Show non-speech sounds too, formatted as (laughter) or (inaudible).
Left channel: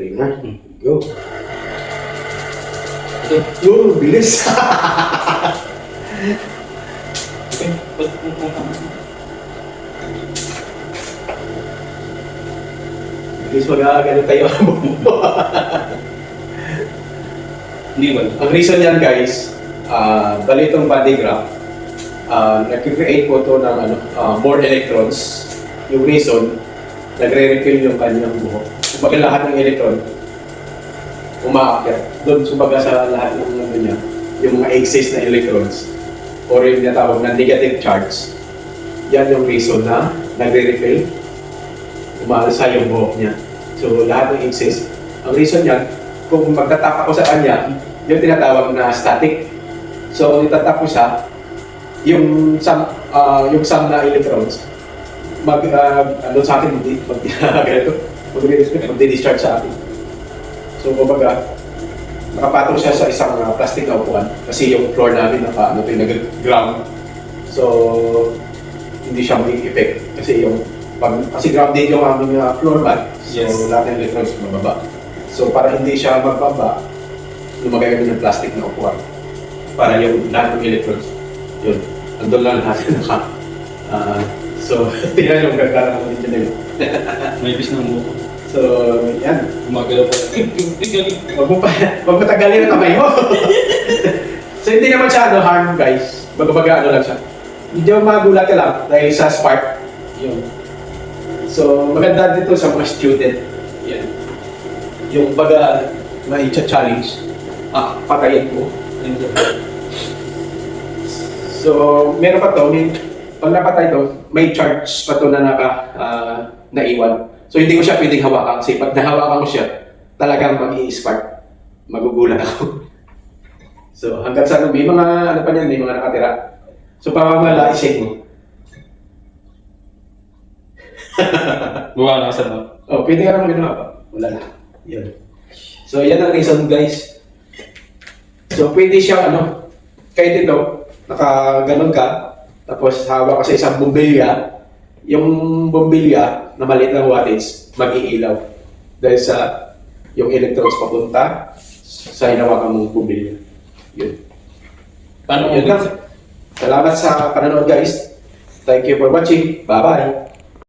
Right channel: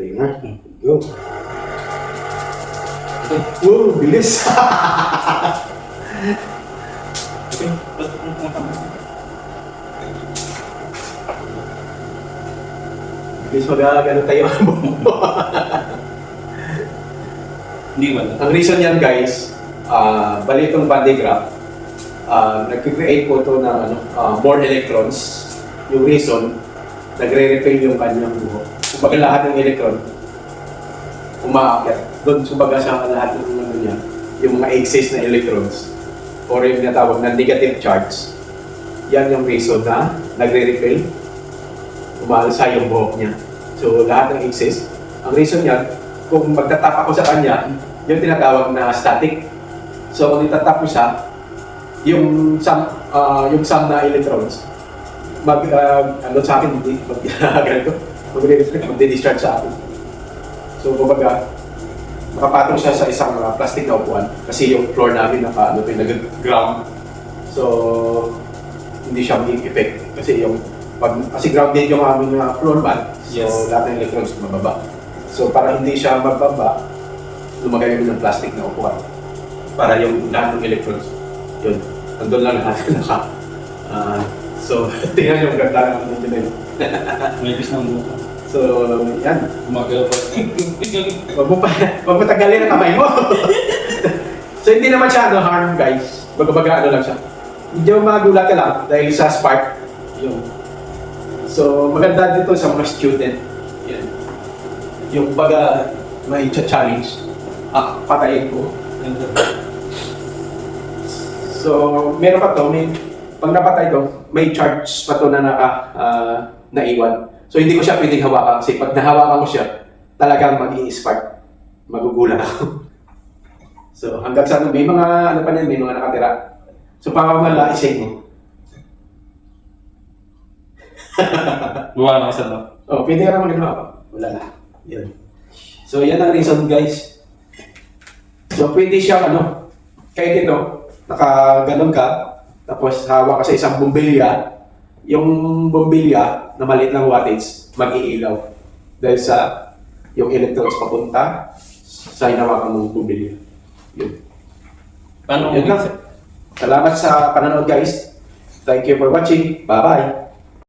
Play na. Go. Wow, bilis. Okay. Ang bilis mag-agano tayo. Hindi ba? Ang reason yan guys, uh, bali itong body graph, uh, nag-create po ito ng ano, ah, more electrons. Yung reason, nagre-refill yung kanyang buhok. Kumbaga lahat ng electron, umaakyat. Doon, kumbaga sa lahat ng ano niya, yung mga excess na electrons, or yung natawag na negative charge, yan yung reason na nagre-refill, umaalsa yung buhok niya. So lahat ng excess, ang reason niya, kung magtatap ako sa kanya, yung tinatawag na static. So kung itatap ko siya, yung sum, ah, yung sum na electrons, mag, ah, ano sa akin, hindi, mag, (laughs) ganito, magdi-discharge sa akin. So kumbaga, nakapatong siya sa isang ah, plastic na upuan kasi yung floor namin naka ano to nag-ground. So hindi siya may effect kasi yung pag kasi grounded yung aming ah, floor mat. So Yes. lahat ng electrons mababa. So para hindi siya magbaba, lumagay kami ng plastic na upuan. Para yung lahat ng electrons, yun, andun lang lahat (laughs) naka. ah, so, (laughs) tingnan yung ganda ng video na yun. (laughs) May bis ng buto. So, yan. Gumagalaw pa. Huwag mo pa, huwag mo tagalin ang kamay mo. (laughs) so, hindi naman siya ano, harm, guys. Baga-baga ano lang siya. Medyo magulat ka lang dahil sa spark. Yun. So, maganda dito sa mga student. Yan. Yung baga may challenge ah, patayin ko. So, meron pa to, may, pag napatay to, may charge pa to na naka, ah, naiwan. So, hindi ko siya pwedeng hawakan kasi pag nahawakan ko siya, talagang mag spark Magugulat ako. (laughs) so, hanggang sa may mga, ano pa niyan, may mga nakatira. So, pamamala, isig (laughs) mo. Buwa na ka, sir, no? Oh, pwede ka naman ginawa pa. Wala na. Yun. So, yan ang reason, guys. So, pwede siya, ano, kahit ito, nakaganon ka, tapos hawak ka sa isang bombilya, yung bombilya na maliit lang wattage, mag-iilaw. Dahil sa yung electrons papunta sa hinawakan mong bombilya. Yun. Paano Yun lang. Salamat sa panonood, guys. Thank you for watching. Bye-bye.